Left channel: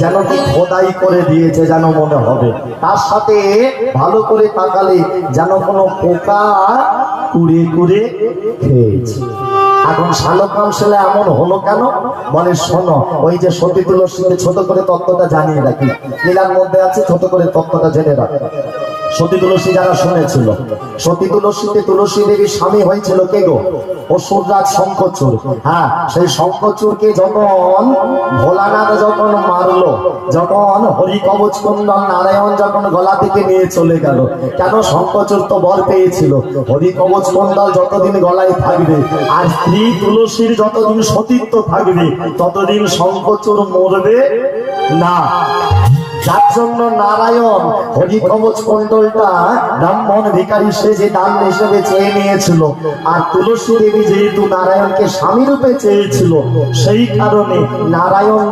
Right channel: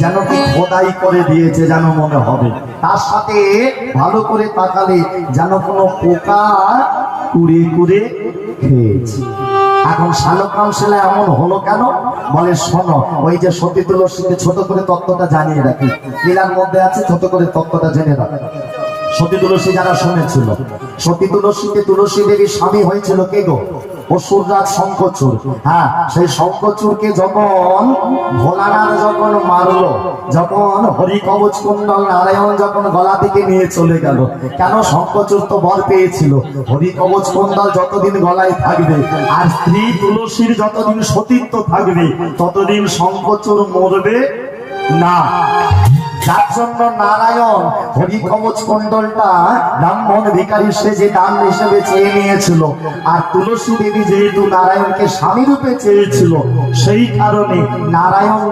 যেন কি খোদাই করে দিয়েছে যেন মনে হবে। তার সাথে ভালো করে তাকালে যেন কোনো পোকা কুড়ে কুড়ে খেয়েছে। এখন শালগ্রাম ছেলে এমন হলো কেন? বলে শোনো, ওই যে সতী তুলসীকে ছোট করে তত্ত্বটা জানিয়ে রাখি, এর মধ্যে আছে, ছোট করে তত্ত্বটা জেনে রাখি। সতী তুলসী যারা শুনেছিল, সতী তুলসীতে তুলসী দেবী স্বামী হয়েছিল কে গো? অসুররাজ শঙ্খচূড়। হ্যাঁ, সেই শঙ্খচূড়কে যখন ভোলানাথ যখন মারলো, যখন হরি কবচ কুণ্ডল নারায়ণ যখন গলা থেকে নিয়ে চলে গেল, কেন? শঙ্খচূড় তো বর পেয়েছিল হরি কবচ কুণ্ডল যতদিন গলায় থাকবে আর স্ত্রী তুলসীর যতদিন সতীত্ব থাকবে ততদিন শঙ্খচূড় মরবে না। যার জন্য নারায়ণ হরি কবচ কুণ্ডলটা ব্রাহ্মণ ভিখারি সেজে দান হিসেবে চেয়ে নিয়েছিল। আর তুলসী দেবী যেহেতু নারায়ণকে স্বামী রূপে চেয়েছিল, সেই কারণে নারায়ণ